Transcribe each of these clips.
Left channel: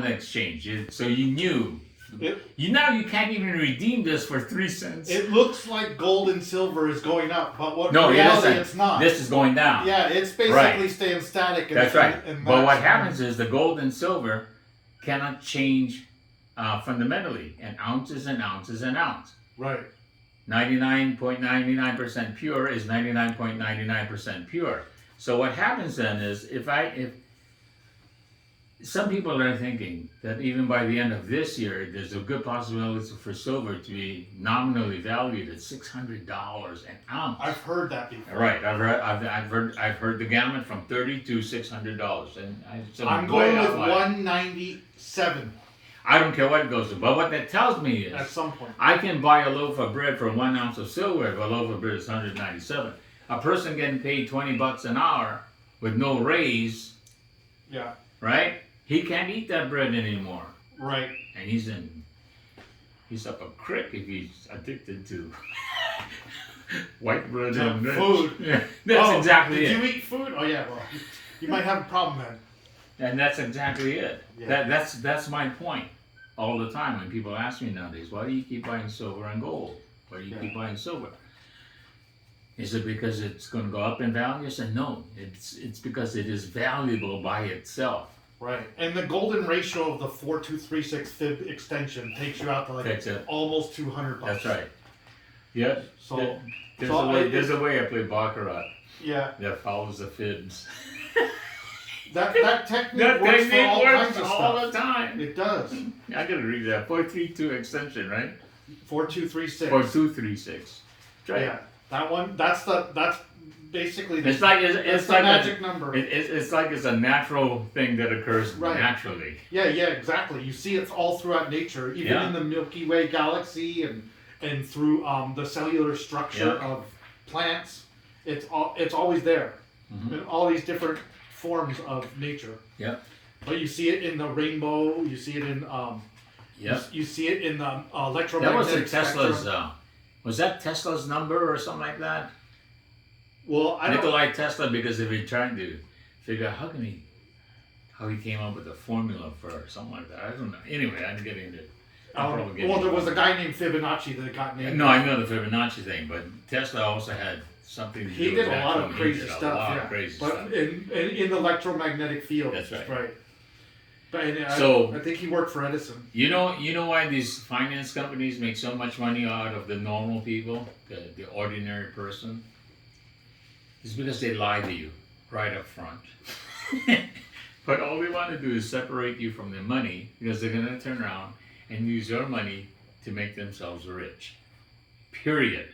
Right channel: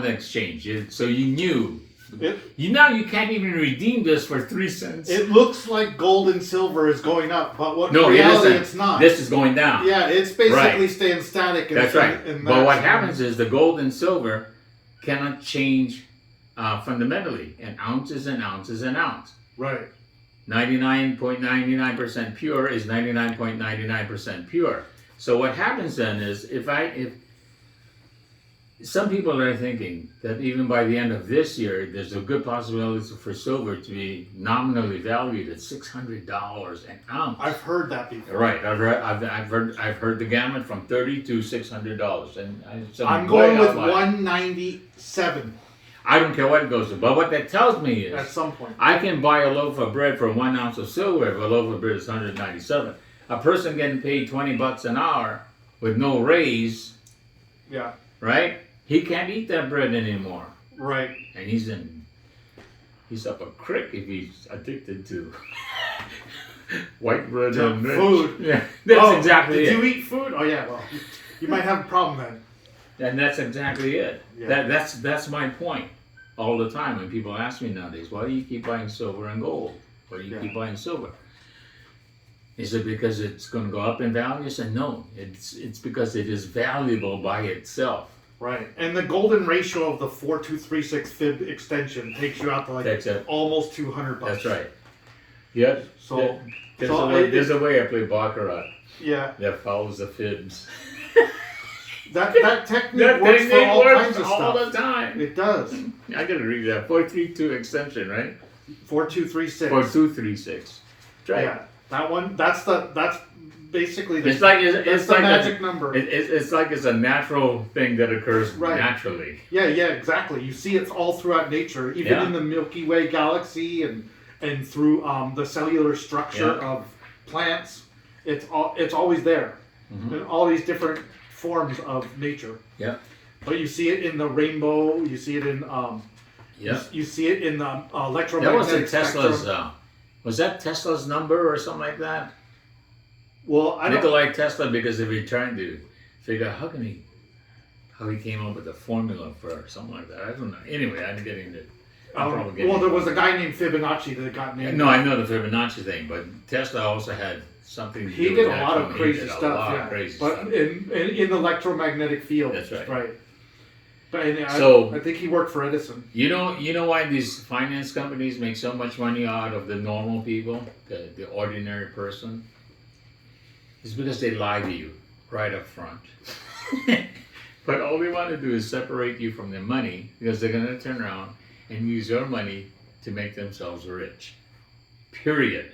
on the exchange. So you knew. You can't even redeem this for 3 cents. It looks like gold and silver is going up, but in No, reality it's not. This is going down. Yeah, it's basically staying static. That's right. But what happens is the gold and silver cannot change fundamentally. An ounce is an ounce is an ounce. Right. 99.99% pure is 99.99% pure. So what happens then is if some people are thinking that even by the end of this year, there's a good possibility for silver to be nominally valued at $600 an ounce. I've heard that before. Right, I've heard the gamut from $30 to $600, and I'm going with 197. I don't care what it goes to, but what that tells me is at some point I can buy a loaf of bread for 1 ounce of silver if a loaf of bread is 197. A person getting paid $20 an hour with no raise, yeah, right? He can't eat that bread anymore. Right. And he's up a crick if he's addicted to white bread and food. Yeah, that's exactly it. Did you eat food? Oh yeah, well, you might have a problem then. And that's exactly it. Yeah. That's my point all the time when people ask me nowadays, why do you keep buying silver and gold? Why do you keep buying silver? Is it because it's going to go up in value? I said, no, it's because it is valuable by itself. Right, and the golden ratio of the 4236 fib extension takes you out to almost $200. That's right. Yeah. So there's a way I play baccarat. Yeah. That follows the fibs. That technique works for all kinds of stuff. All the time. It does. I gotta read that 432 extension, right? 4236. 4236. Right. Yeah, that one. That's basically it's like magic number. It's like it's a natural thing that occurs naturally. Yeah, exactly. You see it all throughout nature, even in the Milky Way galaxy and through the cellular structure of plants. It's always there in all these different forms of nature. Yeah. But you see it in the rainbow. You see it in you see it in the electromagnetic spectrum. Was that Tesla's number or something like that? Well, Nikola Tesla, because if he trying to figure out how he came up with the formula for something like that. I don't know. Anyway, I didn't get into it. Well, there was a guy named Fibonacci that got named. No, I know the Fibonacci thing, but Tesla also had something to do with He did a lot of crazy stuff, but in the electromagnetic field. That's right. Right. But So I think he worked for Edison. You know why these finance companies make so much money out of the normal people, the ordinary person? It's because they lie to you right up front. But all they want to do is separate you from the money because they're going to turn around and use your money to make themselves rich. Period.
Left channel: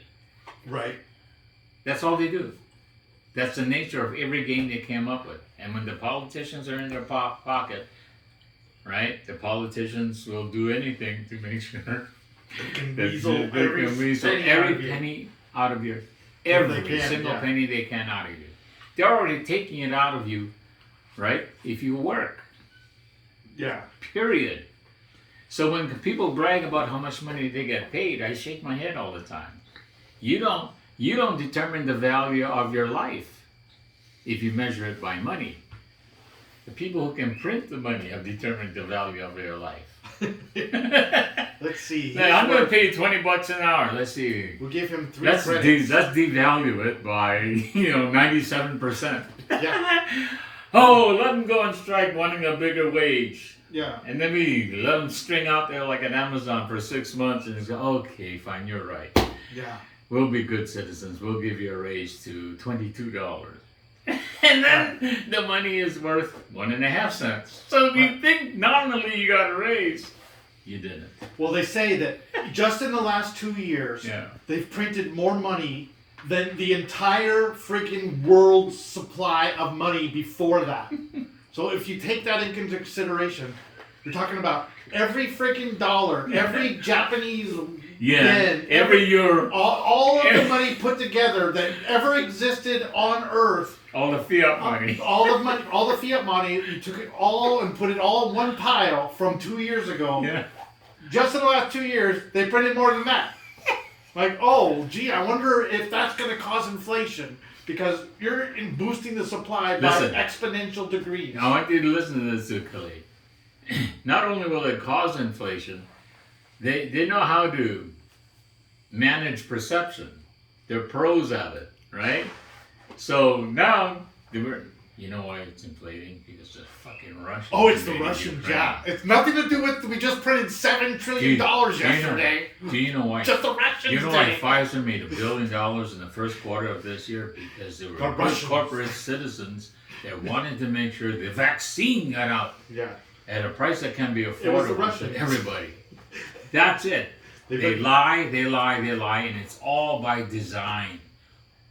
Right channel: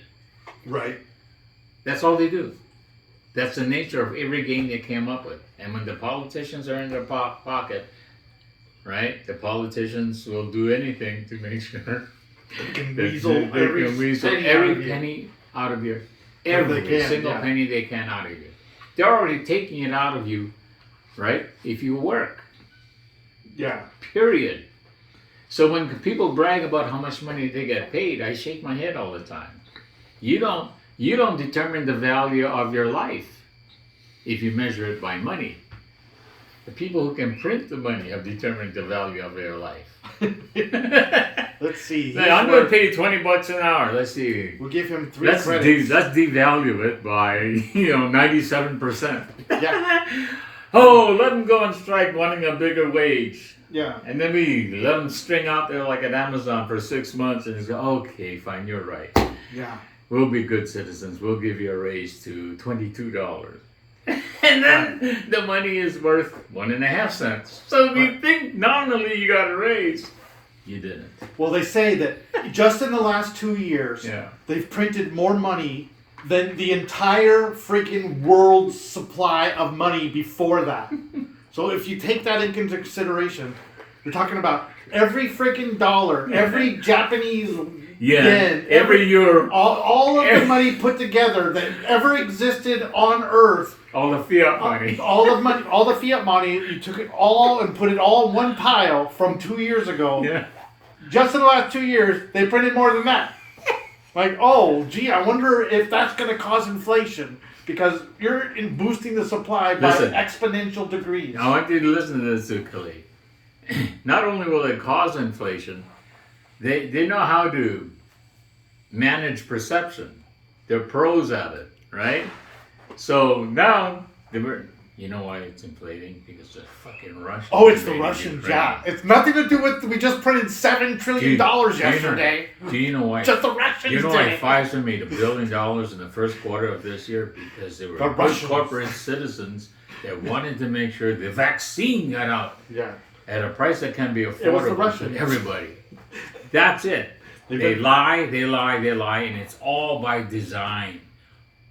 Right. That's all they do. That's the nature of every game they came up with. And when the politicians are in their pocket, right, the politicians will do anything to make sure they can weasel every penny out of your every single penny they can out of you. They're already taking it out of you, right? If you work. Yeah. Period. So when people brag about how much money they get paid, I shake my head all the time. You don't determine the value of your life if you measure it by money. The people who can print the money have determined the value of their life. Let's see. Hey, I'm going to pay $20 an hour. Let's see. We'll give him 3 credits. Let's devalue it by 97%. Yeah. Oh, let them go on strike wanting a bigger wage. Yeah. And then we let them string out there like at Amazon for 6 months and say, okay, fine, you're right. Yeah. We'll be good citizens. We'll give you a raise to $22. And then the money is worth 1.5 cents. So if you think nominally you got a raise, you didn't. Well, they say that just in the last 2 years, they've printed more money than the entire freaking world's supply of money before that. So if you take that into consideration, you're talking about every freaking dollar, every Japanese yen, every euro, all of the money put together that ever existed on Earth. All the fiat money. All the fiat money, you took it all and put it all in one pile from 2 years ago. Yeah. Just in the last 2 years, they printed more than that. Like, oh, gee, I wonder if that's going to cause inflation because you're boosting the supply by exponential degrees. I want you to listen to this, Khalid. not only will it cause inflation, they know how to manage perception. They're pros at it, right? So now you know why it's inflating? Because the fucking Russians. Oh, it's the Russians, yeah. It's nothing to do with we just printed $7 trillion yesterday. Do you know why? Just the Russians. You know why Pfizer made $1 billion in the first quarter of this year? Because they were good corporate citizens that wanted to make sure the vaccine got out at a price that can be affordable to everybody. That's it. They lie, and it's all by design.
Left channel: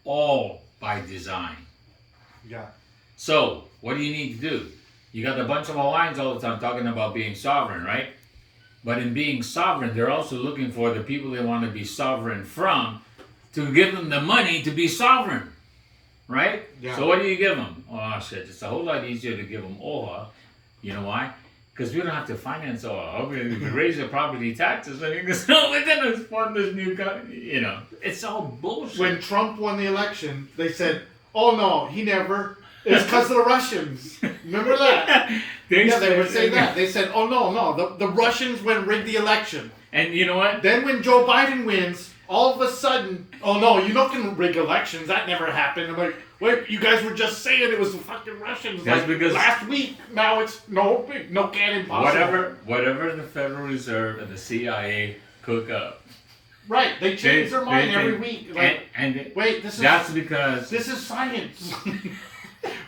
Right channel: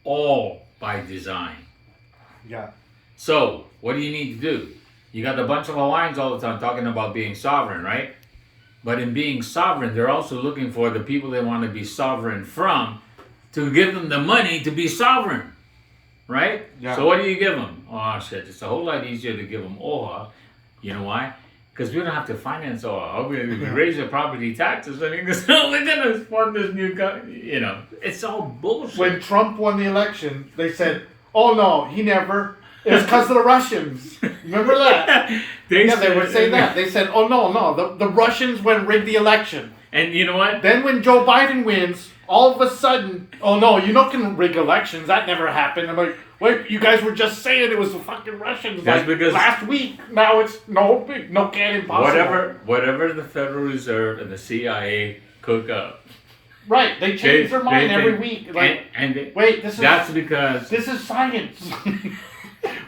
All by design. Yeah. So, what do you need to do? You got a bunch of lines all the time talking about being sovereign, right? But in being sovereign, they're also looking for the people they want to be sovereign from to give them the money to be sovereign, right? Yeah. So what do you give them? Oh, shit, it's a whole lot easier to give them OHA. You know why? Because we don't have to finance OHA. We raise the property taxes. I mean, we're going to fund this new country. You know, it's all bullshit. When Trump won the election, they said, oh, no, he never... It's because of the Russians. Remember that? They would say that. They said, oh, no, the Russians went and rigged the election. And you know what? Then when Joe Biden wins, all of a sudden, oh, no, you not can rig elections. That never happened. I'm like, wait, you guys were just saying it was the fucking Russians. That's because last week, now it's no cannon possible. Whatever the Federal Reserve and the CIA cook up. Right, they change their mind every week. Like, this is science.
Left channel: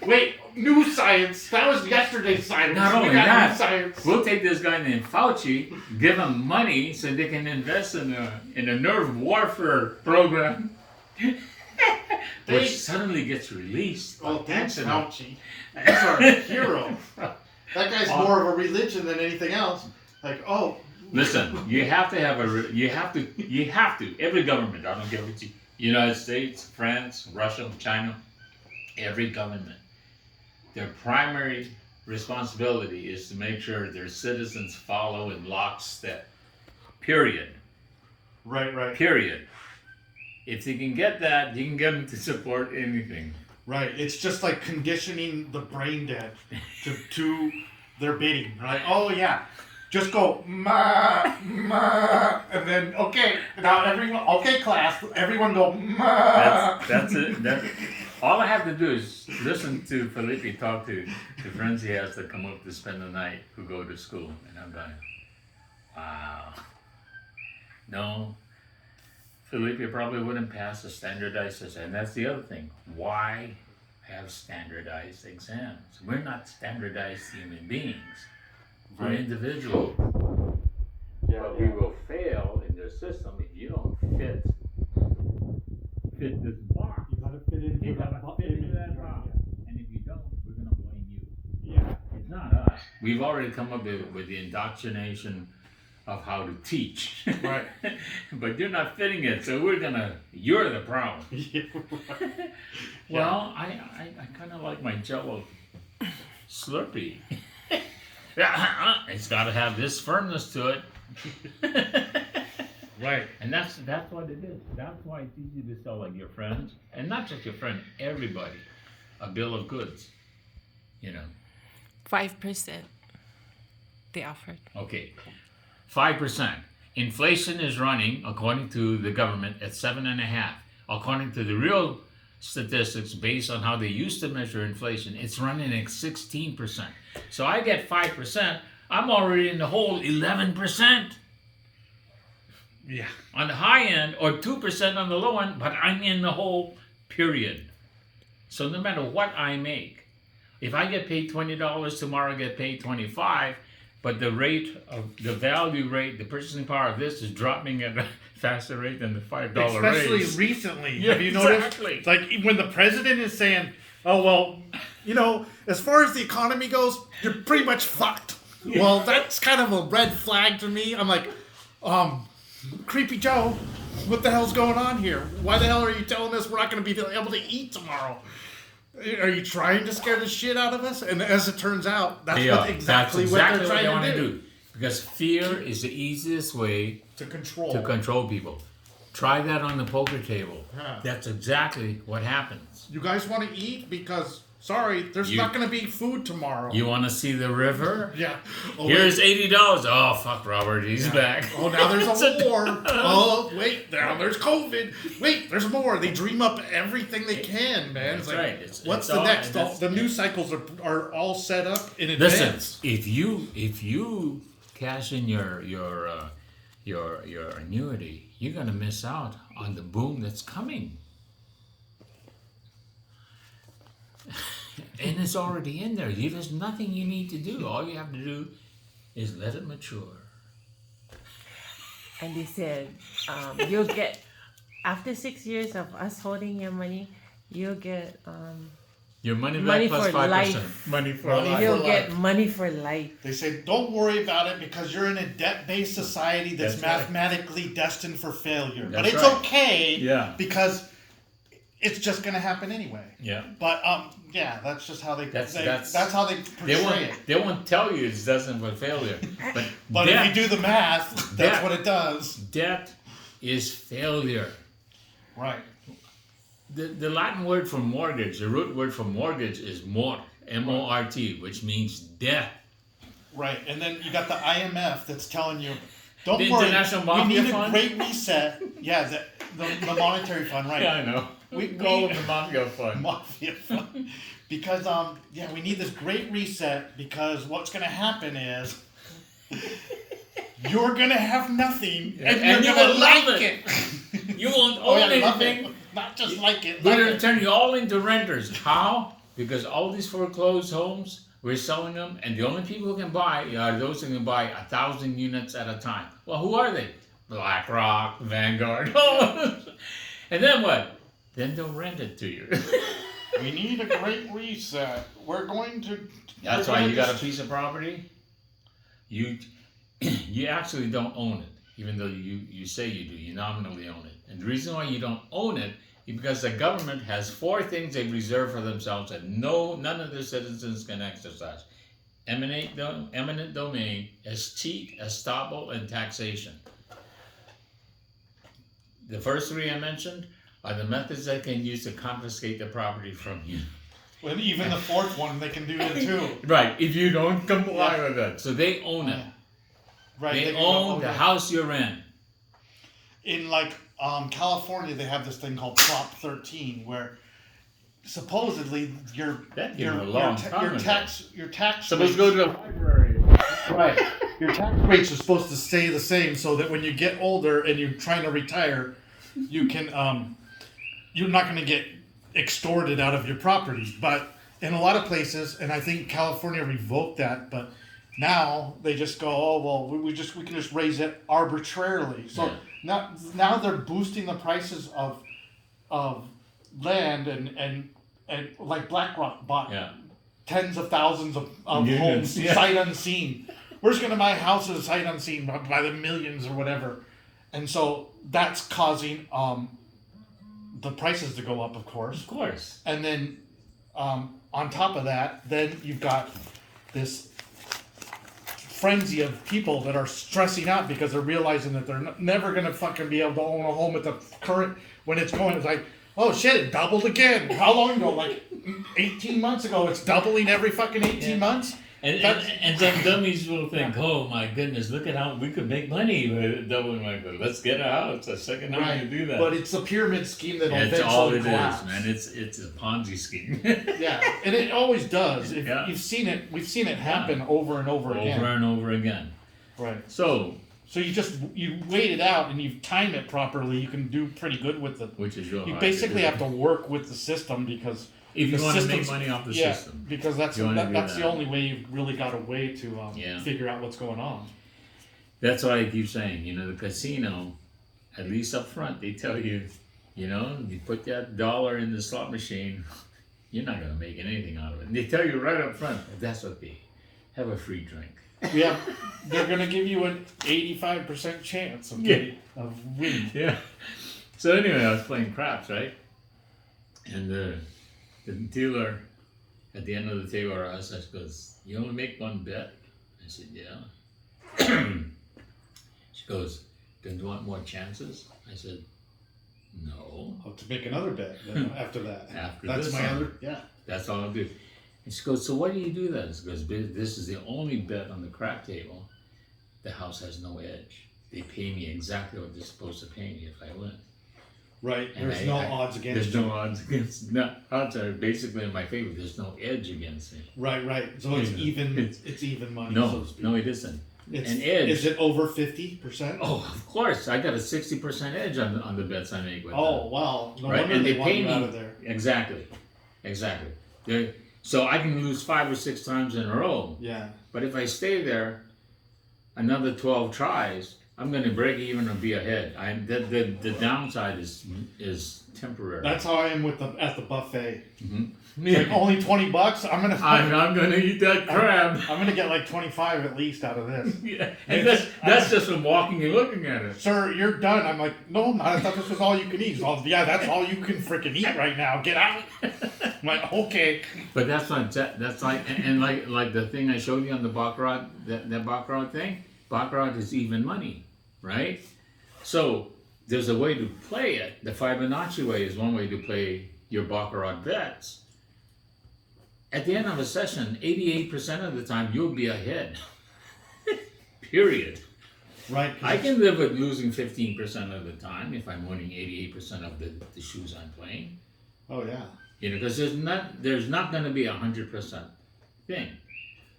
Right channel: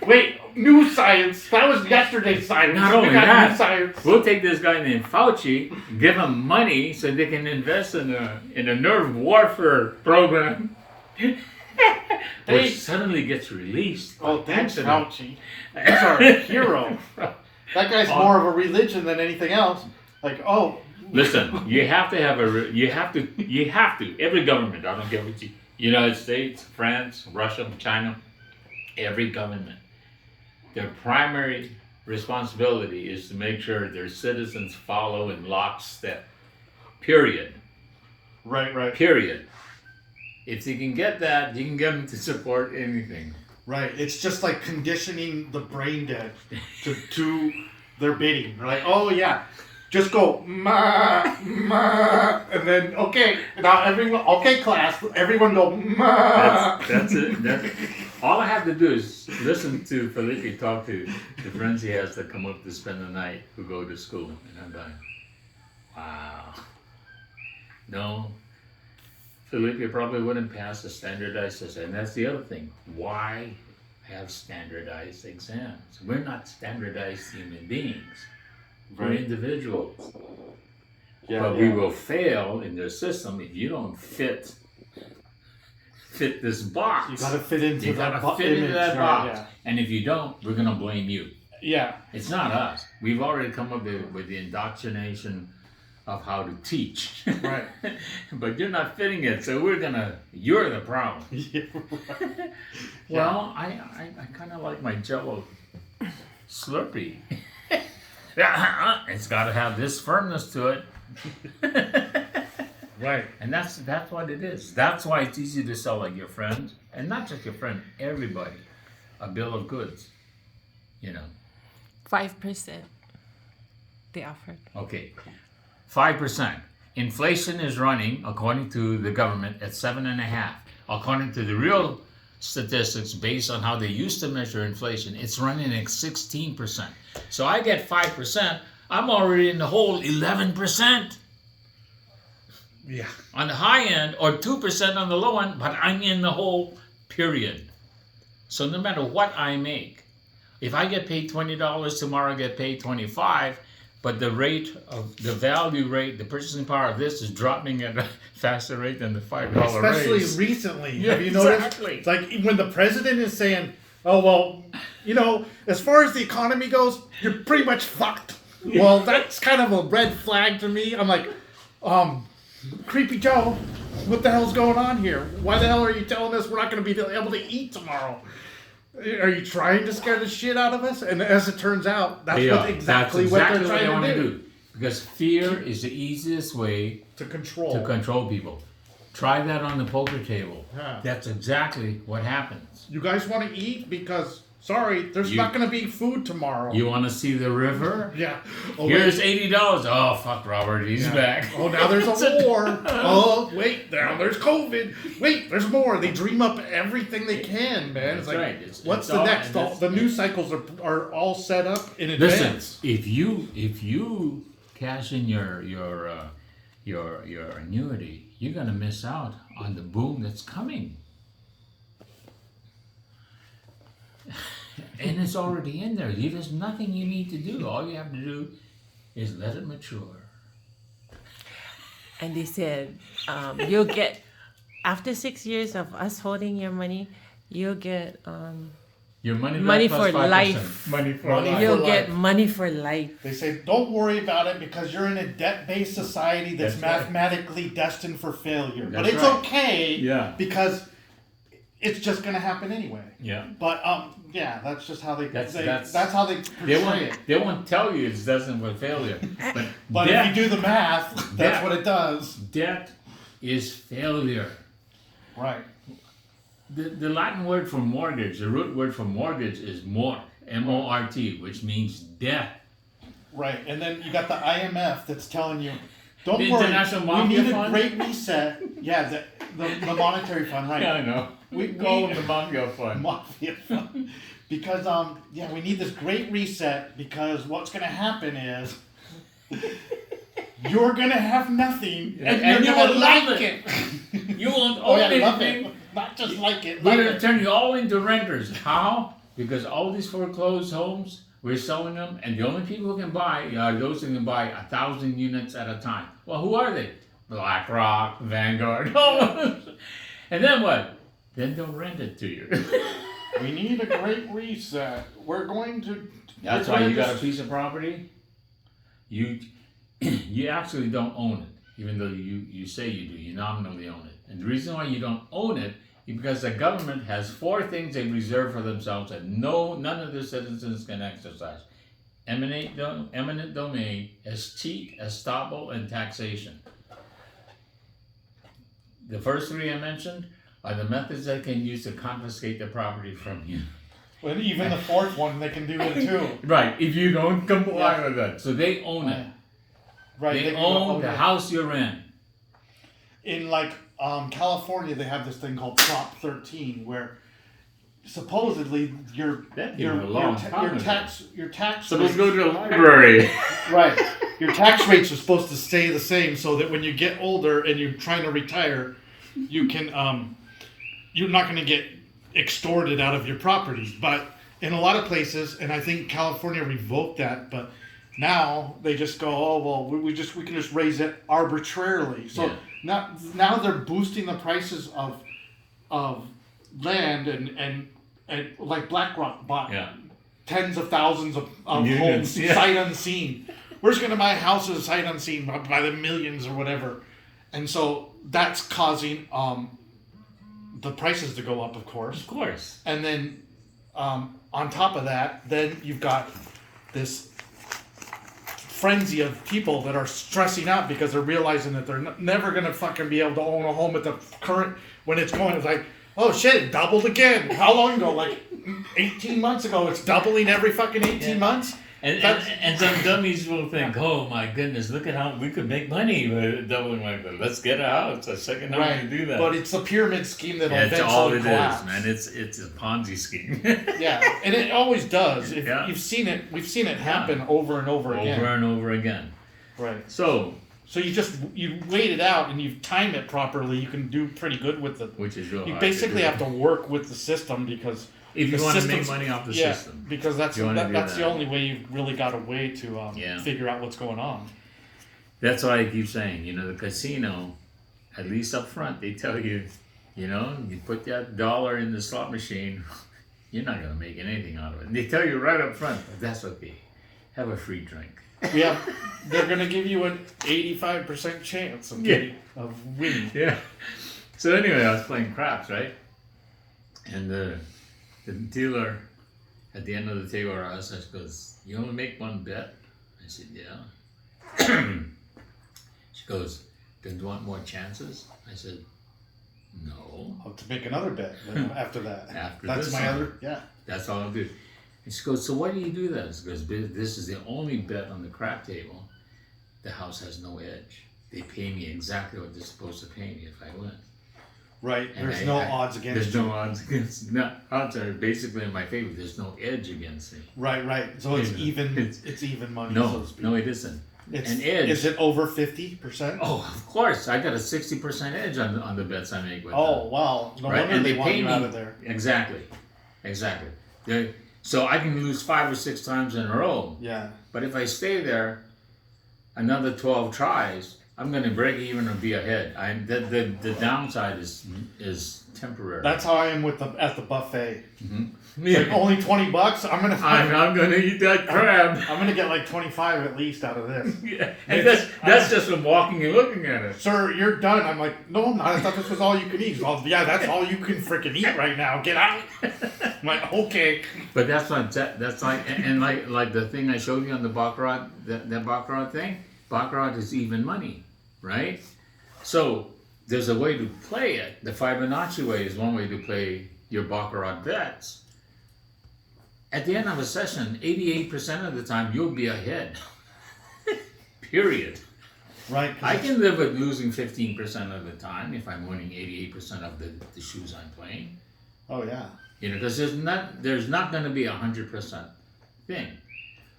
Wait, new science. That was yesterday's science. Not only that, we'll take this guy named Fauci, give him money so they can invest in a nerve warfare program, which suddenly gets released. Oh, thanks, Fauci. He's our hero. That guy's more of a religion than anything else. Like, oh. Listen, you have to have every government. I don't care what United States, France, Russia, China. Every government, their primary responsibility is to make sure their citizens follow in lockstep. Period. Right. Period. If you can get that, you can get them to support anything. Right. It's just like conditioning the brain dead to their bidding. They're like, oh yeah, just go ma, and then okay. Now everyone, okay, class, everyone go ma. That's it. All I have to do is listen to Felipe talk to the friends he has that come up to spend the night who go to school, and I'm like, wow. No, Felipe probably wouldn't pass a standardized test, and that's the other thing. Why have standardized exams? We're not standardized human beings. We're individuals. We will fail in their system if you don't fit this box. You gotta fit into that box. Yeah. And if you don't, we're gonna blame you. Yeah. It's not us. We've already come up with the indoctrination of how to teach. Right. But you're not fitting it, so you're the problem. Yeah, right. Well, I kind of like my Jell-O Slurpee. It's got to have this firmness to it. Right. And that's what it is. That's why it's easy to sell like your friend, and not just your friend, everybody, a bill of goods. 5% they offered. Okay. 5%. Inflation is running, according to the government, at 7.5%. According to the real statistics, based on how they used to measure inflation, it's running at 16%. So I get 5%, I'm already in the whole 11%. Yeah. On the high end, or 2% on the low end, but I'm in the whole period. So no matter what I make, if I get paid $20, tomorrow I get paid $25, but the value rate, the purchasing power of this is dropping at a faster rate than the $5 Especially raise. recently. Yeah, have you noticed? exactly. Like when the president is saying, oh, well, as far as the economy goes, you're pretty much fucked. Well, that's kind of a red flag to me. I'm like, Creepy Joe, what the hell's going on here? Why the hell are you telling us we're not going to be able to eat tomorrow? Are you trying to scare the shit out of us? And as it turns out, that's exactly what they're trying to do. Because fear is the easiest way to control people. Try that on the poker table. Yeah. That's exactly what happens. You guys want to eat because Sorry, there's not going to be food tomorrow. You want to see the river? Yeah. Oh, Here's $80. Oh, fuck, Robert, he's back. Oh, now there's a war. Oh, wait, now there's COVID. Wait, there's more. They dream up everything they can, man. It's That's like, right. what's It's the all- next? The news cycles are all set up in advance. Listen, if you cash in your annuity, you're gonna miss out on the boom that's coming. And it's already in there. There's nothing you need to do. All you have to do is let it mature. And they said, you'll get, after 6 years of us holding your money, you'll get, Your money back Money plus for 5%. life. Money for Money life. you'll for get life. money for life. They say, don't worry about it because you're in a debt-based society that's That's right. mathematically destined for failure. But That's it's right. okay Yeah. because it's just going to happen anyway. Yeah. But yeah, that's just how they That's- that's how they portray it. They won't tell you it's destined for failure. But if you do the math, that's Debt. what it does. Debt is failure. Right. The Latin word for mortgage, the root word for mortgage is mort, M-O-R-T, which means death. Right. And then you got the IMF that's telling you, don't The worry, International we Mafia need a Fund? great reset. Yeah, the monetary fund, right. Yeah, I know. We call them the Mafia Fund. Mafia fund. Because yeah, we need this great reset because what's gonna happen is you're gonna have nothing and And you're you gonna will like love it. You won't Oh own yeah, love anything. it. Not just like it. We're Like going to it. turn you all into renters. How? Because all these foreclosed homes, we're selling them, and the only people who can buy are those who can buy 1,000 units at a time. Well, who are they? BlackRock, Vanguard. And then what? Then they'll rent it to you. We need a great reset. We're going to. That's we're why gonna you got a just- piece of property. You actually don't own it, even though you say you do. You nominally own it, and the reason why you don't own it is because the government has 4 things they reserve for themselves that none of the citizens can exercise: eminent domain, escheat, estoppel, and taxation. The first 3 I mentioned are the methods they can use to confiscate the property from you. And even the 4th one, they can do it too. Right, if you don't comply Yeah. with that. So they own it. Right. They can own the it. house you're in. In like California, they have this thing called Prop 13, where supposedly That came a long time your ago. tax Supposed to rates, go to the library. right. Your tax rates are supposed to stay the same, so that when you get older and you're trying to retire, you can you're not going to get extorted out of your property. But in a lot of places, and I think California revoked that, but now they just go, oh well, we can just raise it arbitrarily. So Yeah. now they're boosting the prices of land and like BlackRock bought Yeah. tens of thousands of Units, homes yeah. sight unseen. We're just gonna buy houses sight unseen by the millions or whatever, and so that's causing the prices to go up, of course. Of course. And then on top of that, then you've got this frenzy of people that are stressing out because they're realizing that they're never gonna fucking be able to own a home at the current when it's going. It's like, oh shit, it doubled again. How long ago? Like 18 months ago. It's doubling every fucking 18 months. And some dummies will think, oh my goodness, look at how we could make money with doubling like that. Let's get a house, a second home to do that. But it's a pyramid scheme that will That's eventually all it collapse. is, man. It's a Ponzi scheme. Yeah, and it always does. Yeah. You've seen it. We've seen it happen over and over again. Over and over again. Right. So, So you wait it out and you time it properly. You can do pretty good with it. which is real You hard basically to do. have to work with the system because If you the want to make system's- money off the yeah, system. because that's You wanna do that's the that. only way you've really got a way to Yeah. figure out what's going on. That's why I keep saying, the casino, at least up front, they tell you, you put that $1 in the slot machine, you're not going to make anything out of it. And they tell you right up front, but that's okay. Have a free drink. Yeah, they're gonna give you an 85% chance of of winning. Yeah. So anyway, I was playing craps, right? And the dealer at the end of the table asked us, goes, "You only make one bet?" I said, "Yeah." She goes, "Don't you want more chances?" I said, No. Oh, to make another bet then after that. After That's this my one. other. Yeah. That's all I do. And she goes, so why do you do that? She goes, this is the only bet on the crap table. The house has no edge. They pay me exactly what they're supposed to pay me if I win. Right. And There's no odds against There's you. no odds against. No, odds are basically in my favor. There's no edge against me. Right. So it's Yeah. even. It's even money. so No, to speak. no, it isn't. It's, An edge. Is it over 50%? Oh, of course. I got a 60% edge on the bets I make with Oh, them. wow. No Right? wonder And they they want pay you me. out of there. Exactly. So I can lose 5 or 6 times in a row. Yeah. But if I stay there another 12 tries, I'm going to break even or be ahead. The downside is temporary. That's how I am at the buffet. Mhm. It's like only $20. I'm I'm going to eat that crab. I'm gonna get like 25 at least out of this. Yeah. And that's just from walking and looking at it. Sir, you're done. I'm like, no, I'm not. I thought this was all you can eat. Well, yeah, that's all you can freaking eat right now. Get out. I'm like, okay. But that's like and like the thing I showed you on the baccarat, that baccarat thing. Baccarat is even money, right? So there's a way to play it. The Fibonacci way is one way to play your baccarat bets. At the end of a session, 88% of the time you'll be ahead. Period. Right. I can live with losing 15% of the time if I'm winning 88% of the shoes I'm playing. Oh yeah. You know, because there's not going to be 100% thing,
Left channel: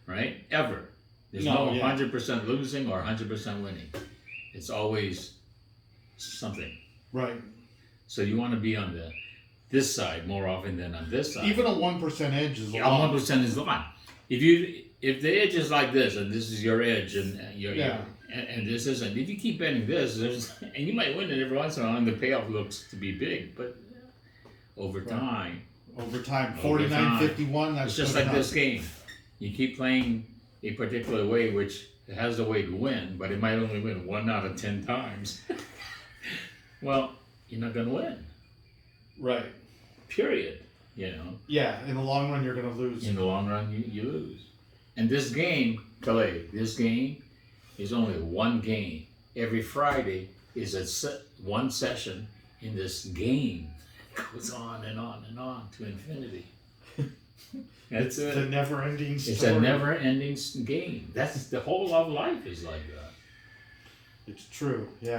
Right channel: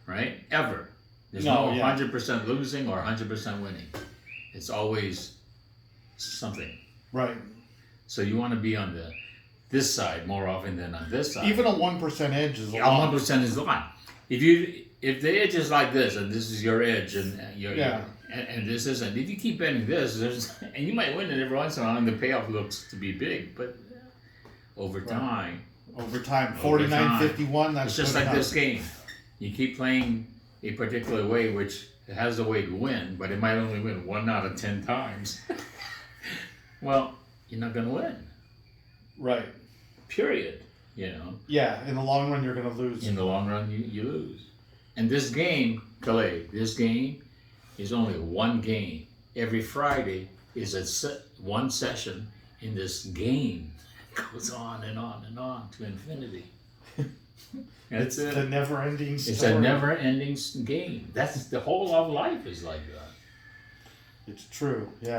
right? Ever. There's no 100% losing or 100% winning. It's always something. Right. So you want to be on this side more often than on this side. Even a 1% edge is a Yeah, lot. 1% is a lot. If the edge is like this and this is your edge and and this isn't, if you keep betting this, and you might win it every once in a while, and the payoff looks to be big, but over time, Over time, Over 49-51. That's it's just good like enough. this game. You keep playing a particular way, which has a way to win, but it might only win 1 out of 10 times. Well, you're not going to win. Right. Period. You know. Yeah. In the long run, you're gonna lose. In the long run, you lose. And this game, Calais, this game is only one game. Every Friday is one session in this game. It goes on and on and on to infinity. That's It's a never-ending story. It's a never-ending game. That's the whole of life is like that. It's true. Yeah.